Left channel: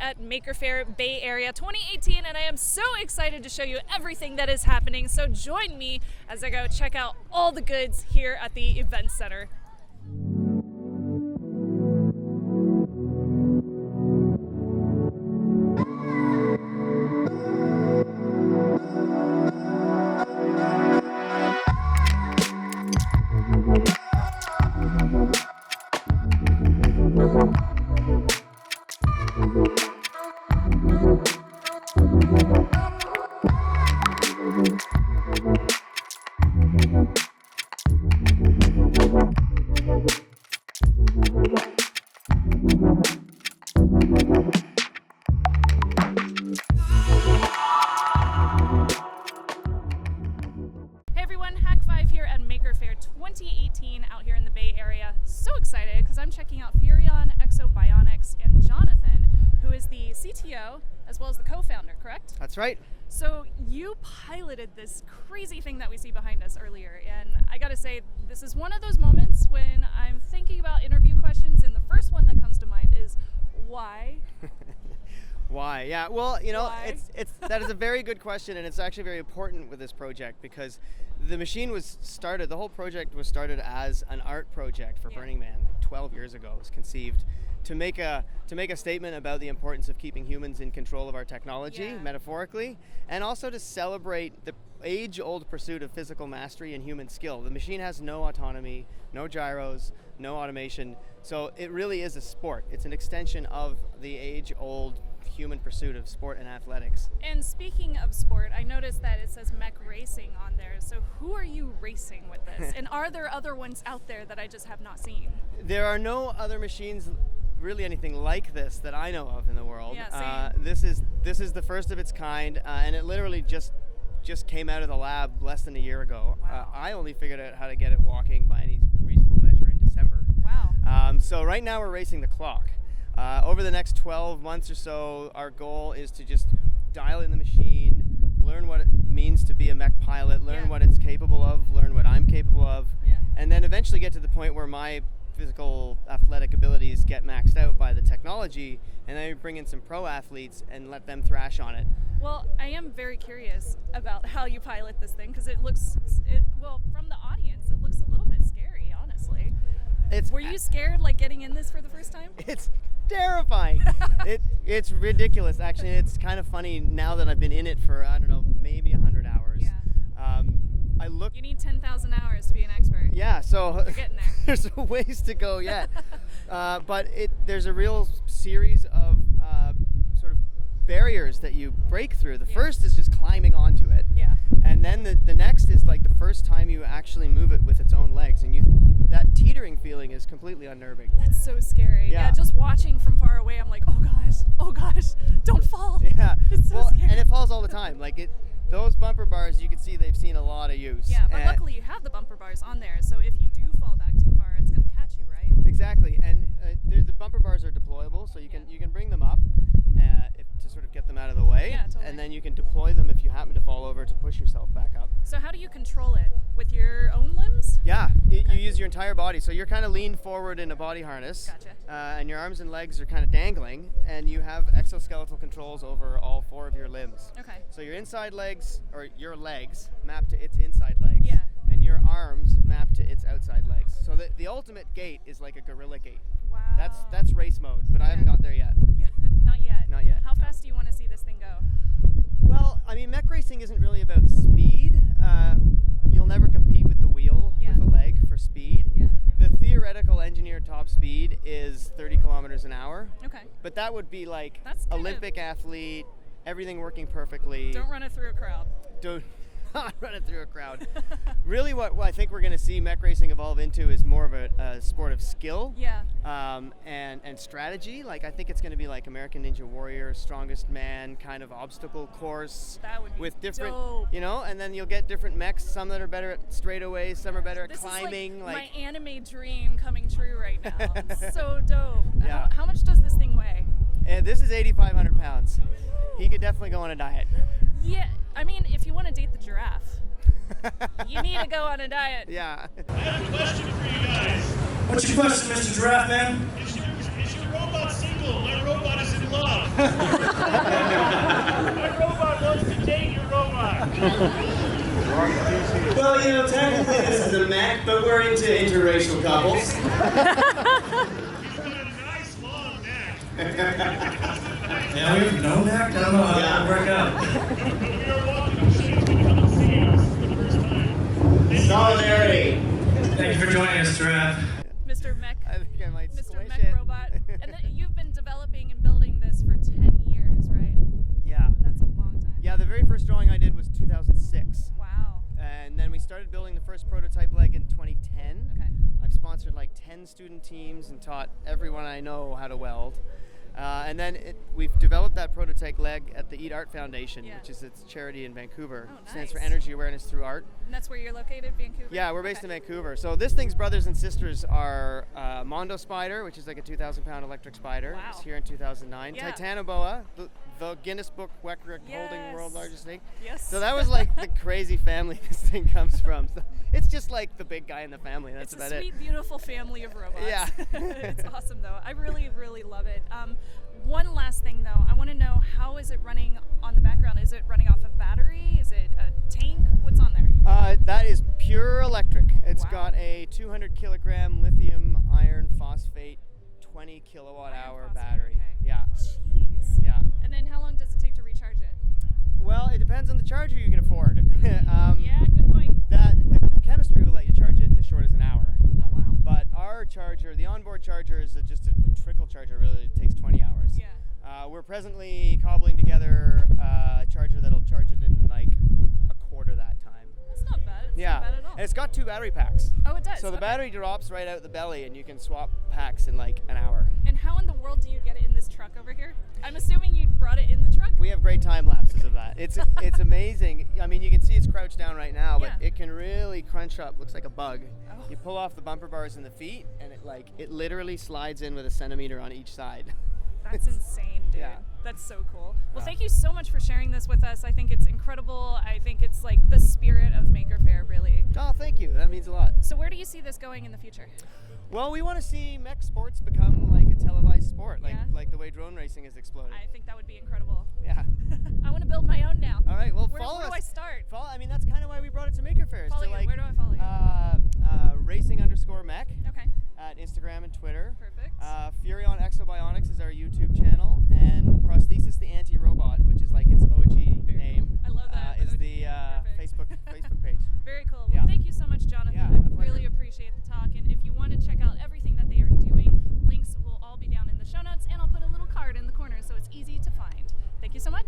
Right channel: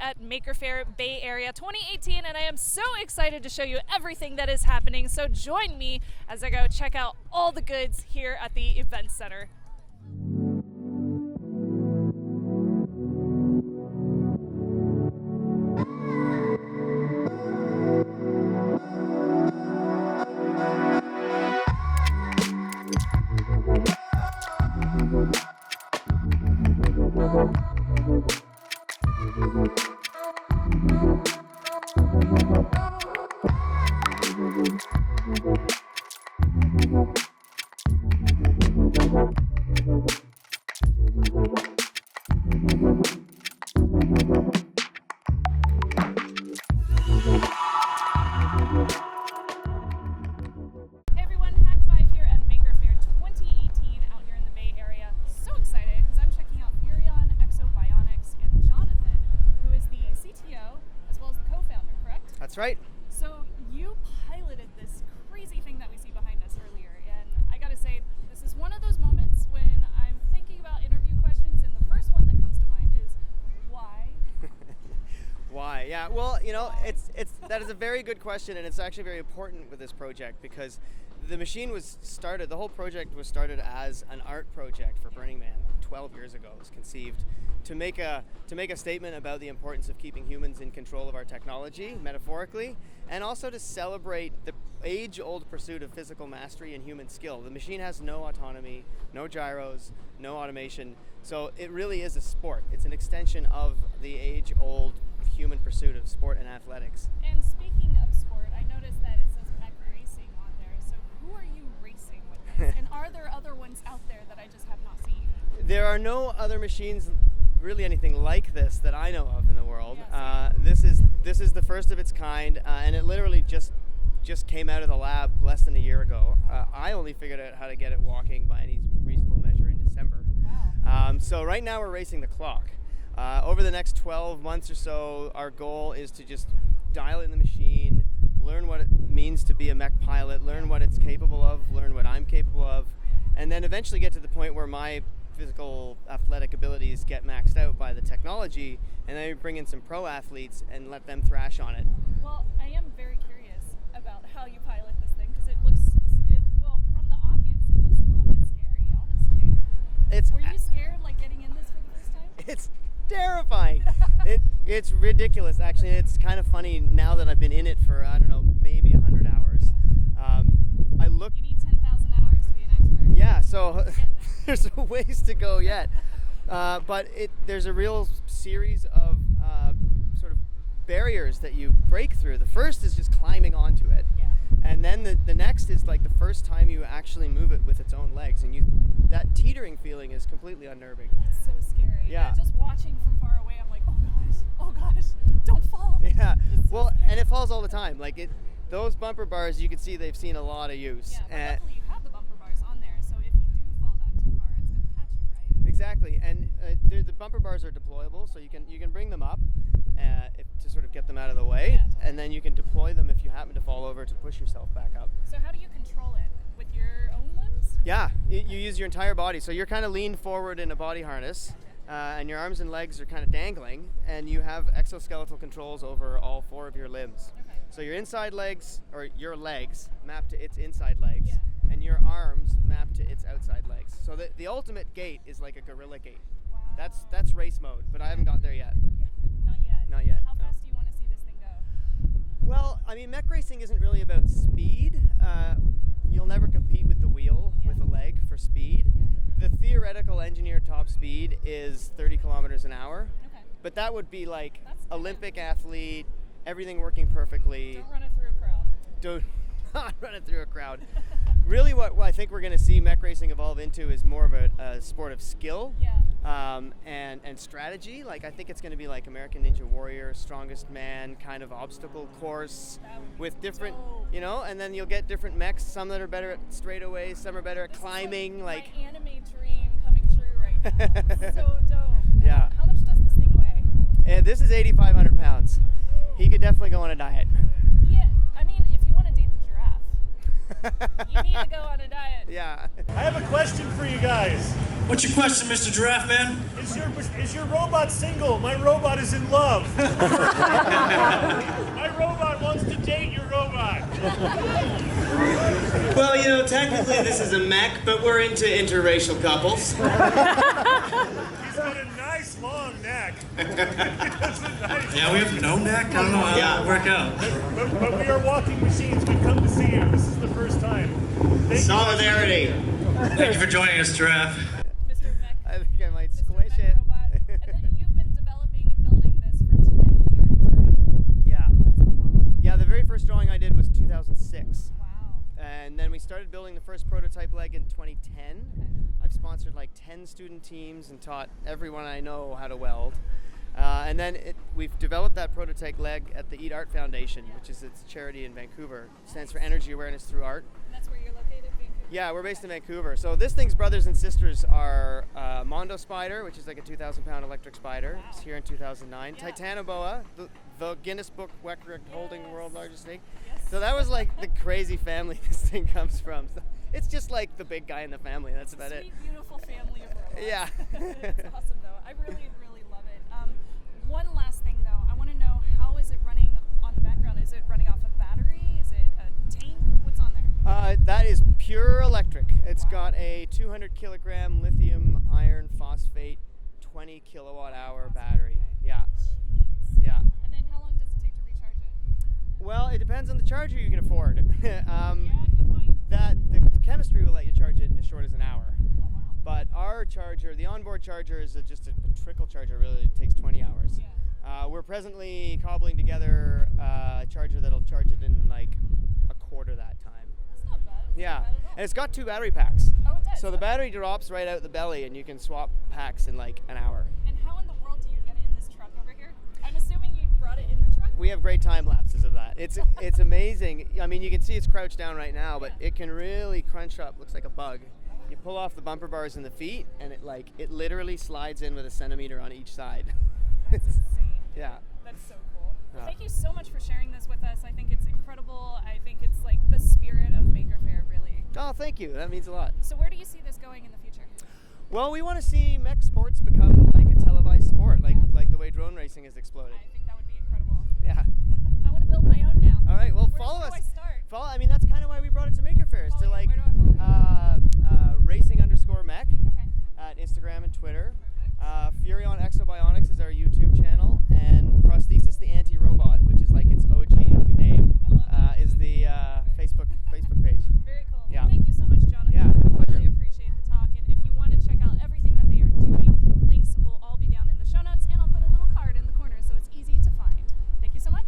at Maker Faire Bay Area 2018, and I am so excited to show you everything that is happening. So join me as I go check out all the goods here at the event center. Hey everyone, Hak5 here at Maker Faire 2018 out here in the Bay Area. So excited because I'm checking out exo-bionics and Jonathan, who is the CTO as well as the co-founder, correct? That's right. So you piloted this crazy thing that we see behind us earlier, and I gotta say, this is one of those moments when I'm thinking about interview questions, and the first one that comes to mind is, why? Why? Yeah, well, you know, Why? that is a very good question, and it's actually very important with this project because the machine was started, the whole project was started as an art project for Burning Man, like 12 years ago. It was conceived to make a statement about the importance of keeping humans in control of our technology, metaphorically, and also to celebrate the age-old pursuit of physical mastery and human skill. The machine has no autonomy, no gyros, no automation, so it really is a sport. It's an extension of the age-old human pursuit of sport and athletics. And speaking of sport, I noticed that it says mech racing on there, so who are you racing with this? And are there other ones out there that I just have not seen? There are no other machines really anything like this that I know of in the world. Yeah, this is the first of its kind, and it literally just came out of the lab less than a year ago. Wow. I only figured out how to get it walking by any reasonable measure in December. Wow. So right now we're racing the clock. Over the next 12 months or so, our goal is to just dial in the machine, learn what it means to be a mech pilot, learn what it's capable of, learn what I'm capable of, and then eventually get to the point where my physical athletic abilities get maxed out by the technology, and then we bring in some pro athletes and let them thrash on it. Well, I am very curious about how you pilot this thing because well, from the audience, it looks a little bit scary, honestly. Were you scared, like, getting in this for the first time? It's terrifying. It's ridiculous, actually. It's kind of funny now that I've been in it for, I don't know, maybe 100 hours. Yeah. You need 10,000 hours to be an expert. Yeah, so You're getting there. there's a ways to go yet. But there's a real series of sort of barriers that you break through. The first is just climbing onto it. Yeah. And then the next is like the first time you actually move it with its own legs, and that teetering feeling is completely unnerving. That's so scary. Yeah. Just watching from far away, I'm like, oh gosh, don't fall. Yeah. It's so scary. And it falls all the time. Like those bumper bars, you can see they've seen a lot of use. Yeah, but luckily you have the bumper bars on there, so if you do fall back too far, it's going to catch you, right? Exactly, and the bumper bars are deployable, so you can bring them up to sort of get them out of the way, totally. and then you can deploy them if you happen to fall over to push yourself back up. So how do you control it? With your own limbs? Yeah, you use your entire body, so you're kind of leaned forward in a body harness, and your arms and legs are kind of dangling, and you have exoskeletal controls over all 4 of your limbs. Okay. So your inside legs, or your legs, map to its inside legs, Yeah. and your arms map to its outside legs. So the ultimate gait is like a gorilla gait. Wow. That's race mode, but I haven't got there yet. Yeah, not yet. Not yet. How fast do you want to see this thing go? Well, I mean, mech racing isn't really about speed. You'll never compete with the wheel with a leg for speed. Yeah. The theoretical engineered top speed is 30 kilometers an hour. Okay. But that would be like That's kind Olympic athlete, everything working perfectly. Don't run it through a crowd. Don't run it through a crowd. Really what I think we're going to see mech racing evolve into is more of a sport of skill and strategy. Like, I think it's going to be like American Ninja Warrior, Strongest Man kind of obstacle course with different, you know, and then you'll get different mechs, some that are better at straightaways, some are better at climbing. Is like my anime dream coming true right now. So dope. Yeah. How much does this thing weigh? This is 8,500 pounds. He could definitely go on a diet. Yeah, I mean, if you want to date the giraffe, you need to go on a diet. Yeah. I have a question for you guys. What's your question, Mr. Giraffe Man? Is your robot single? My robot is in love. My robot wants to date your robot. Well, technically this is a mech, but we're into interracial couples. He's got a nice long neck. Yeah, we have no neck? I don't know how that would work out. But we are walking machines. We come to see you. This is the first time. Solidarity. Thank you for joining us, Giraffe. Mr. Mech. I think I might Mr. squish Mech it. robot. And then you've been developing and building this for 10 years, right? Yeah. That's a long time. Yeah, the very first drawing I did was 2006. Wow. And then we started building the first prototype leg in 2010. Okay. I've sponsored like 10 student teams and taught everyone I know how to weld. And then we've developed that prototype leg at the Eat Art Foundation, Yeah. which is its charity in Vancouver. Oh, Stands for nice. Energy Awareness Through Art. And that's where you're located, Vancouver? Yeah, we're based Okay. in Vancouver. So this thing's brothers and sisters are Mondo Spider, which is like a 2,000-pound electric spider. Wow. It's here in 2009. Yeah. Titanoboa, the Guinness Book record holding Yes. world largest snake. Yes. So that was like the crazy family this thing comes from. So it's just like the big guy in the family. That's It's about a it. sweet, beautiful family of robots. Yeah. It's awesome, though. I really, really love it. One last thing, though. I want to know, how is it running on the background? Is it running off of battery? Is it a tank? What's on there? That is pure electric. It's Wow. got a 200 kilogram lithium iron phosphate 20 kilowatt hour phosphate, battery. okay. Yeah. Jeez. Yeah. And then how long does it take to recharge it? Well, it depends on the charger you can afford. Yeah, good point. The chemistry will let you charge it in as short as an hour. Oh, wow. But our charger, the onboard charger, is just a trickle charger. Really, it takes 20 hours. Yeah. We're presently cobbling together a charger that'll charge it in like a quarter that time. That's not bad. It's Yeah, not bad at all. and it's got 2 battery packs. Oh, it does? So the Okay. battery drops right out the belly, and you can swap packs in like an hour. And how in the world do you get it in this truck over here? I'm assuming you brought it in the truck? We have great time lapses of that. It's amazing. I mean, you can see it's crouched down right now, but Yeah. it can really crunch up. Looks like a bug. Oh. You pull off the bumper bars in the feet, and it literally slides in with a centimeter on each side. That's insane, dude. Yeah. That's so cool. Well, Yeah. thank you so much for sharing this with us. I think it's incredible. I think it's like the spirit of Maker Faire, really. Oh, thank you. That means a lot. So where do you see this going in the future? Well, we want to see mech sports become like a televised sport, Yeah. like the way drone racing has exploded. I think that would be incredible. Yeah. I want to build my own now. All right. Well, Where follow do us. I start? Follow. I mean, that's kind of why we brought it to Maker Faire. Is Follow to you. like Where do I follow you? racing_mech Okay. at Instagram and Twitter. Perfect. Furion Exo-Bionics is our YouTube channel, and Prosthesis the Anti-Robot, which is like its OG name, I love that. is OG. the Facebook page. Very cool. Well, Yeah. thank you so much, Jonathan. Yeah, I a pleasure. really appreciate the talk. And if you want to check out everything that they are doing, links will all be down in the show notes, and I'll put a little card in the corner so it's easy to find. Thank you so much.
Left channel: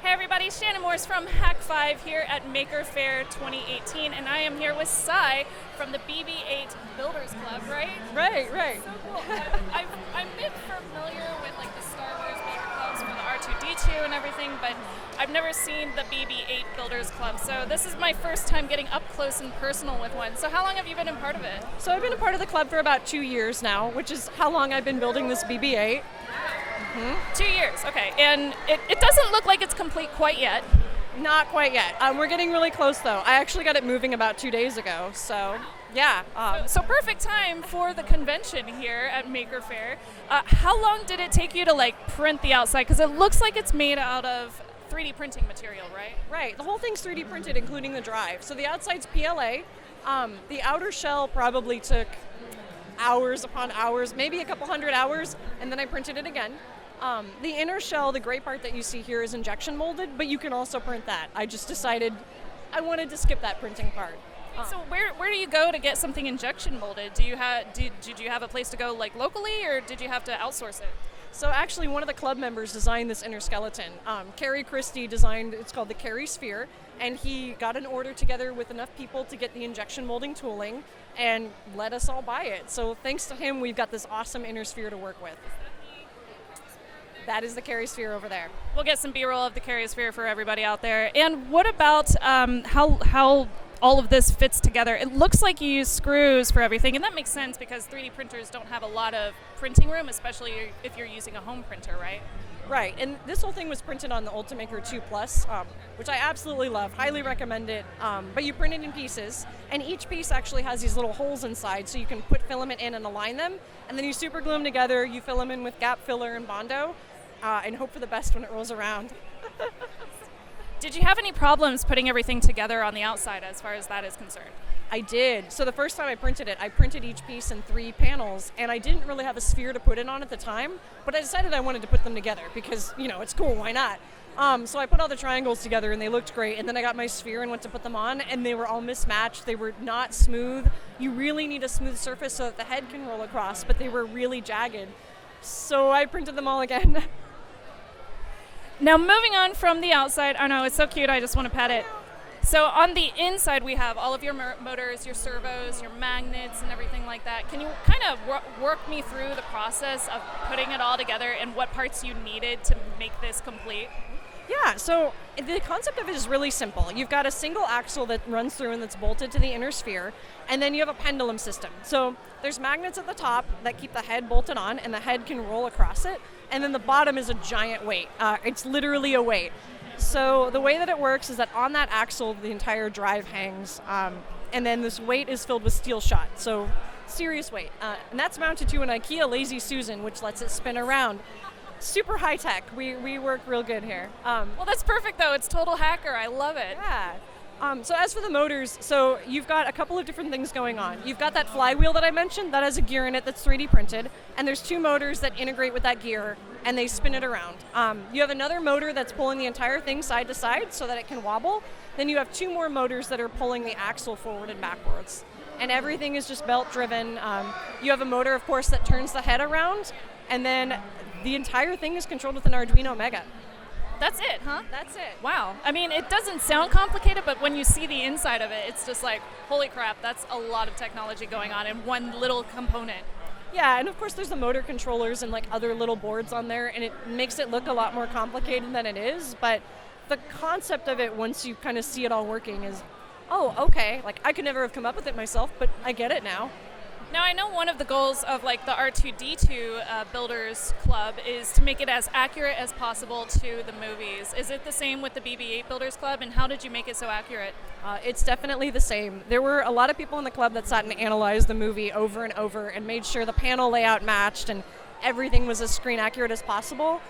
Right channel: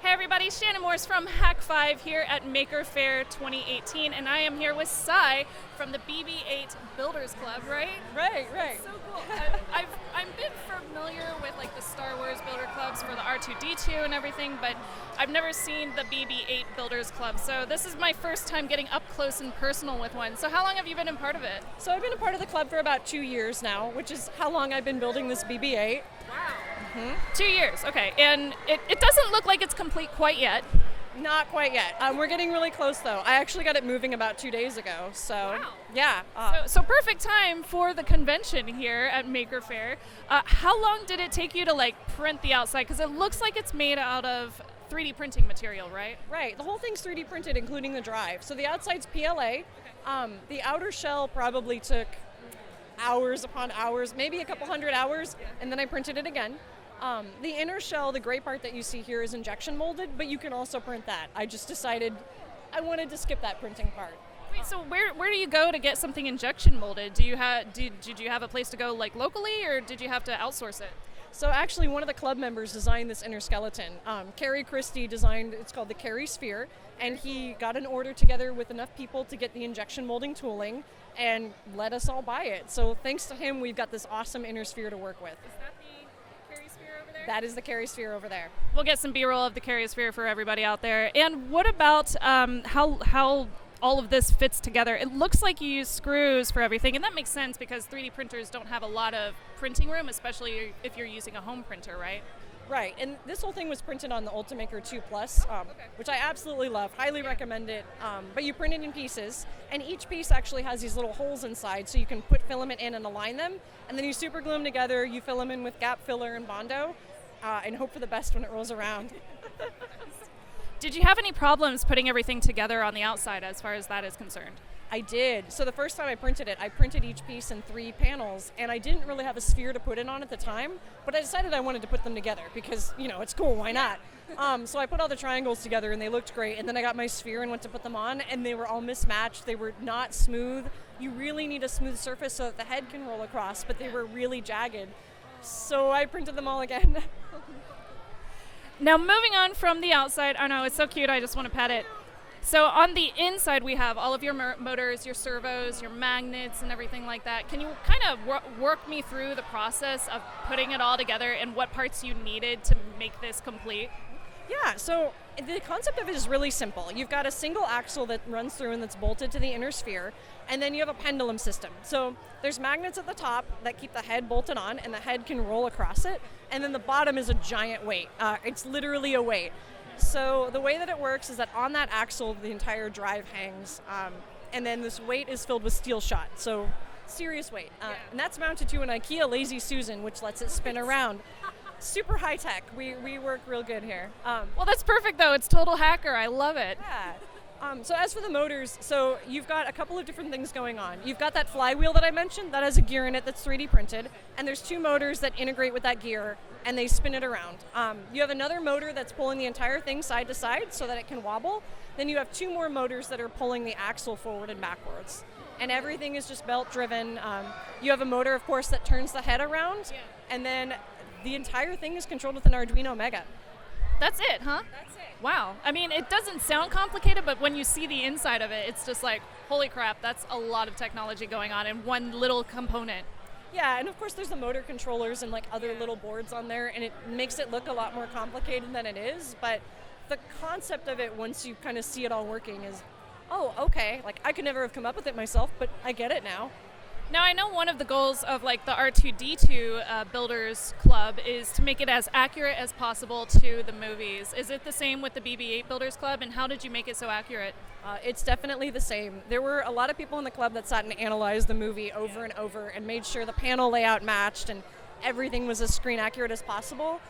Hey everybody, Shannon from Hak5 here at Maker Faire 2018, and I am here with Sai from the BB8 Builders Club, right? Right. So cool. I'm a bit familiar with like the Star Wars Builder Clubs for the R2-D2 and everything, but I've never seen the BB8 Builders Club. So this is my first time getting up close and personal with one. So how long have you been a part of it? So I've been a part of the club for about 2 years now, which is how long I've been building this BB8. 2 years, okay. And it doesn't look like it's complete quite yet. Not quite yet. We're getting really close though. I actually got it moving about 2 days ago. So yeah. So perfect time for the convention here at Maker Faire. How long did it take you to like print the outside? Because it looks like it's made out of 3D printing material, right? Right. The whole thing's 3D printed, including the drive. So the outside's PLA. The outer shell probably took hours upon hours, maybe a couple hundred hours, and then I printed it again. The inner shell, the gray part that you see here, is injection molded, but you can also print that. I just decided I wanted to skip that printing part. So where do you go to get something injection molded? Did you have a place to go like locally, or did you have to outsource it? So actually, one of the club members designed this inner skeleton. Carrie Christie designed, it's called the Carrie Sphere, and he got an order together with enough people to get the injection molding tooling and let us all buy it. So thanks to him, we've got this awesome inner sphere to work with. That is the Carrie Sphere over there. We'll get some B-roll of the Carrie Sphere for everybody out there. And what about how all of this fits together? It looks like you use screws for everything, and that makes sense because 3D printers don't have a lot of printing room, especially if you're using a home printer, right? Right, and this whole thing was printed on the Ultimaker 2 Plus, which I absolutely love, highly recommend it, but you print it in pieces, and each piece actually has these little holes inside, so you can put filament in and align them, and then you super glue them together, you fill them in with gap filler and Bondo, and hope for the best when it rolls around. Did you have any problems putting everything together on the outside as far as that is concerned? I did. So the first time I printed it, I printed each piece in 3 panels, and I didn't really have a sphere to put it on at the time, but I decided I wanted to put them together because, it's cool, why not? So I put all the triangles together, and they looked great, and then I got my sphere and went to put them on, and they were all mismatched. They were not smooth. You really need a smooth surface so that the head can roll across, but they were really jagged. So I printed them all again. Now moving on from the outside, I know it's so cute, I just want to pet it. So on the inside we have all of your motors, your servos, your magnets and everything like that. Can you kind of work me through the process of putting it all together and what parts you needed to make this complete? Yeah, so the concept of it is really simple. You've got a single axle that runs through and that's bolted to the inner sphere, and then you have a pendulum system. So there's magnets at the top that keep the head bolted on, and the head can roll across it, and then the bottom is a giant weight. It's literally a weight. So the way that it works is that on that axle, the entire drive hangs, and then this weight is filled with steel shot, so serious weight. And that's mounted to an IKEA Lazy Susan, which lets it spin around. Super high tech. We work real good here. Well, that's perfect though. It's total hacker. I love it. Yeah. So as for the motors, so you've got a couple of different things going on. You've got that flywheel that I mentioned that has a gear in it that's 3D printed, and there's 2 motors that integrate with that gear, and they spin it around. You have another motor that's pulling the entire thing side to side so that it can wobble. Then you have 2 more motors that are pulling the axle forward and backwards. And everything is just belt driven. You have a motor, of course, that turns the head around, and then the entire thing is controlled with an Arduino Mega. That's it, huh? That's it. Wow. I mean, it doesn't sound complicated, but when you see the inside of it, it's just like, holy crap, that's a lot of technology going on in one little component. Yeah, and of course there's the motor controllers and like other little boards on there, and it makes it look a lot more complicated than it is, but the concept of it, once you kind of see it all working, is, oh, okay, like I could never have come up with it myself, but I get it now. Now, I know one of the goals of like the R2D2 Builders Club is to make it as accurate as possible to the movies. Is it the same with the BB8 Builders Club, and how did you make it so accurate? It's definitely the same. There were a lot of people in the club that sat and analyzed the movie over and over and made sure the panel layout matched and everything was as screen accurate as possible.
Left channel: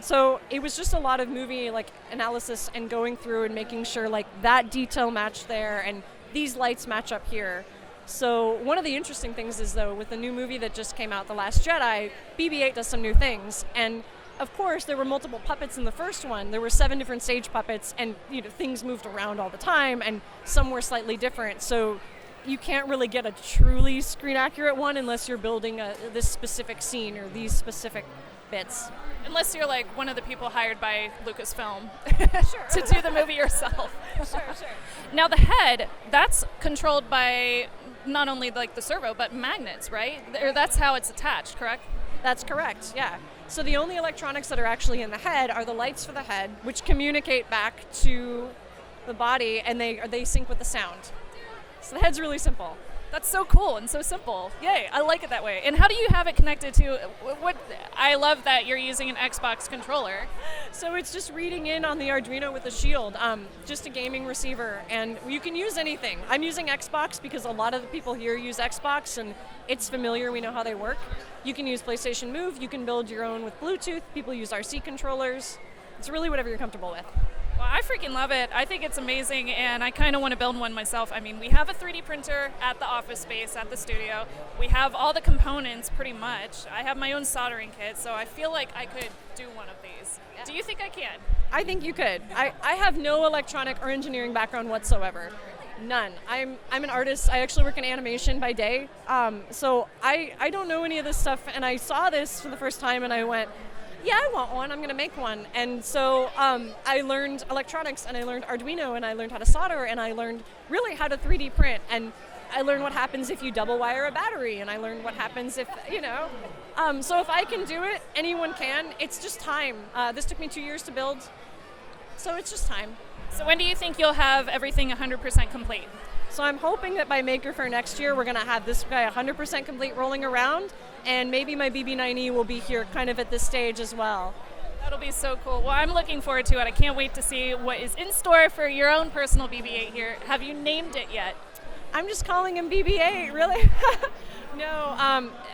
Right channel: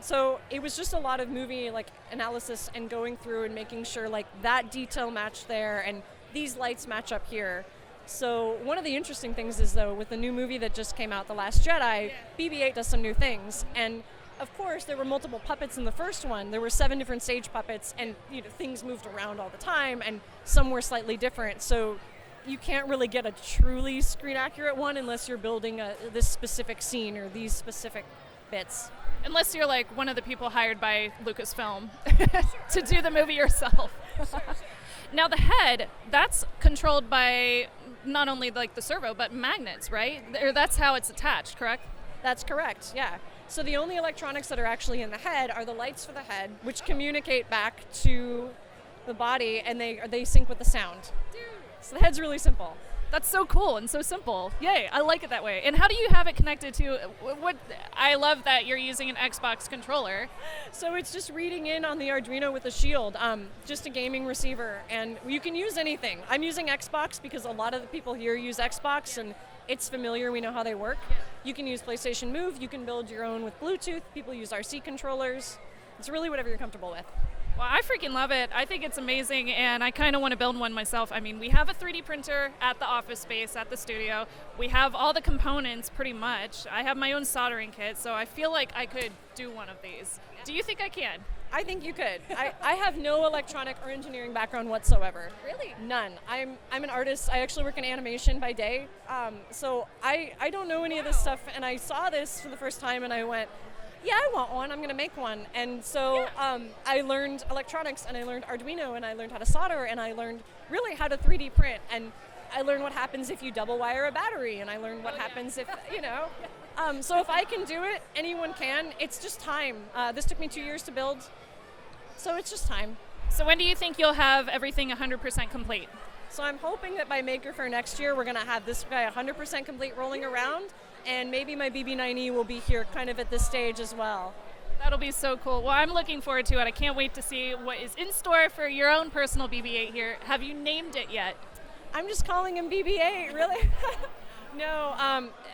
So it was just a lot of movie like analysis and going through and making sure like that detail matched there and these lights match up here. So one of the interesting things is, though, with the new movie that just came out, The Last Jedi, BB8 does some new things. And, of course, there were multiple puppets in the first one. There were 7 different stage puppets, and things moved around all the time, and some were slightly different. So you can't really get a truly screen-accurate one unless you're building this specific scene or these specific bits. Unless you're like one of the people hired by Lucasfilm to do the movie yourself. Sure. Now the head, that's controlled by not only like the servo, but magnets, right? Or that's how it's attached, correct? That's correct, yeah. So the only electronics that are actually in the head are the lights for the head, which communicate back to the body, and they sync with the sound. So the head's really simple. That's so cool and so simple. Yay, I like it that way. And how do you have it connected to what? I love that you're using an Xbox controller. So it's just reading in on the Arduino with a shield, just a gaming receiver, and you can use anything. I'm using Xbox because a lot of the people here use Xbox and it's familiar, we know how they work. You can use PlayStation Move, you can build your own with Bluetooth, people use RC controllers. It's really whatever you're comfortable with. Well, I freaking love it. I think it's amazing, and I kind of want to build one myself. I mean, we have a 3D printer at the office space, at the studio. We have all the components pretty much. I have my own soldering kit, so I feel like I could do one of these. Do you think I can? I think you could. I have no electronic or engineering background whatsoever. Really? None. I'm an artist. I actually work in animation by day. So I don't know any of this stuff, and I saw this for the first time and I went, yeah, I want one. I'm going to make one. And so I learned electronics, and I learned Arduino, and I learned how to solder, and I learned really how to 3D print. And I learned what happens if you double wire a battery, and I learned what happens if, you know. So if I can do it, anyone can. It's just time. This took me 2 years to build, so it's just time. So when do you think you'll have everything 100% complete? So I'm hoping that by Maker Faire next year, we're going to have this guy 100% complete rolling around, and maybe my BB9E will be here kind of at this stage as well. That'll be so cool. Well, I'm looking forward to it. I can't wait to see what is in store for your own personal BB8 here. Have you named it yet? I'm just calling him BB8, really? No,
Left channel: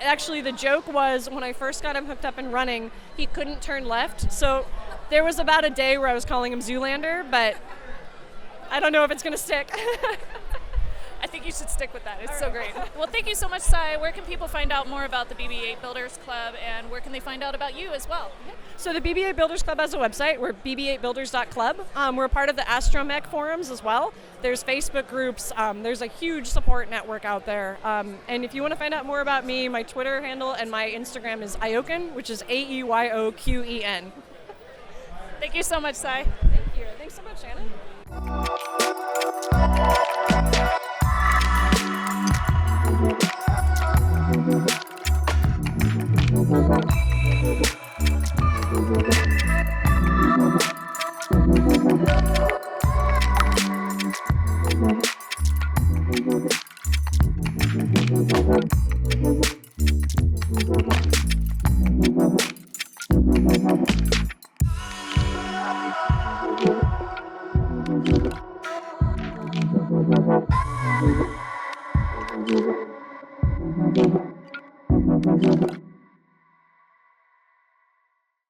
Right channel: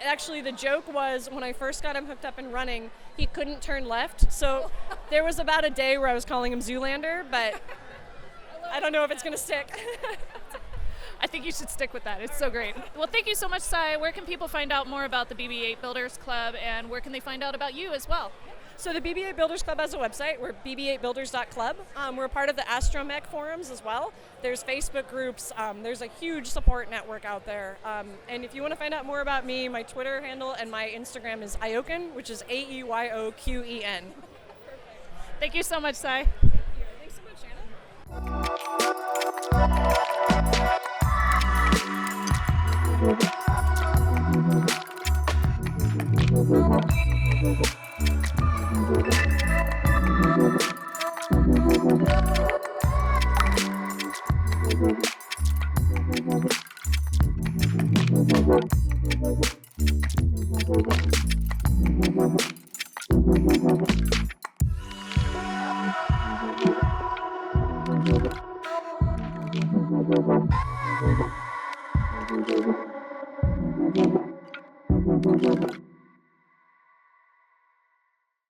actually the joke was when I first got him hooked up and running, he couldn't turn left. So there was about a day where I was calling him Zoolander, but I don't know if it's going to stick. I think you should stick with that. It's so great. Well, thank you so much, Sai. Where can people find out more about the BB8 Builders Club, and where can they find out about you as well? So the BB8 Builders Club has a website. We're bb8builders.club. We're a part of the Astromech forums as well. There's Facebook groups. There's a huge support network out there. And if you want to find out more about me, my Twitter handle and my Instagram is Ayoken, which is AEYOQEN. Thank you so much, Sai. Thank you. Thanks so much, Shannon.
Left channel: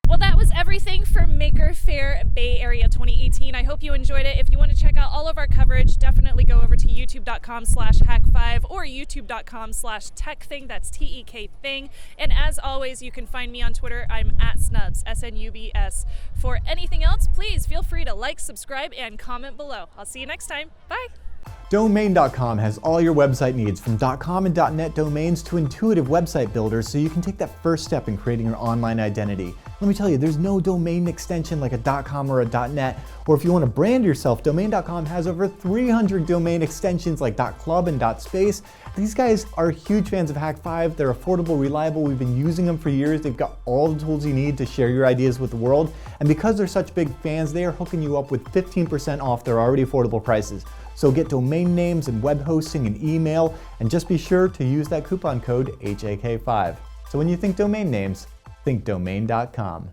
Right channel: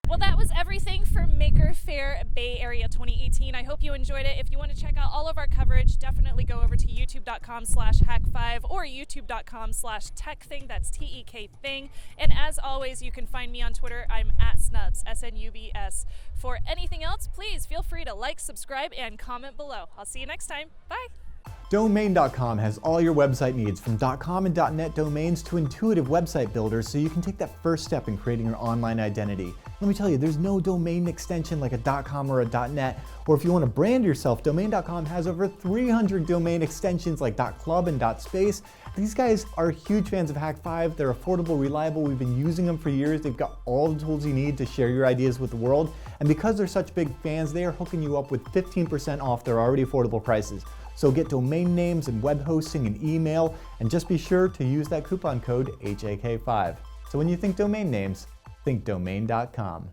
Well, that was everything for Maker Faire Bay Area 2018. I hope you enjoyed it. If you want to check out all of our coverage, definitely go over to youtube.com/Hak5 or youtube.com/techthing. That's TEK thing. And as always, you can find me on Twitter. I'm @Snubs, SNUBS. For anything else, please feel free to like, subscribe, and comment below. I'll see you next time. Bye. Domain.com has all your website needs, from .com and .net domains to intuitive website builders, so you can take that first step in creating your online identity. Let me tell you, there's no domain extension like a .com or a .net, or if you want to brand yourself, Domain.com has over 300 domain extensions like .club and .space. These guys are huge fans of Hak5. They're affordable, reliable. We've been using them for years. They've got all the tools you need to share your ideas with the world. And because they're such big fans, they are hooking you up with 15% off their already affordable prices. So get domain names and web hosting and email, and just be sure to use that coupon code HAK5. So when you think domain names, think Domain.com.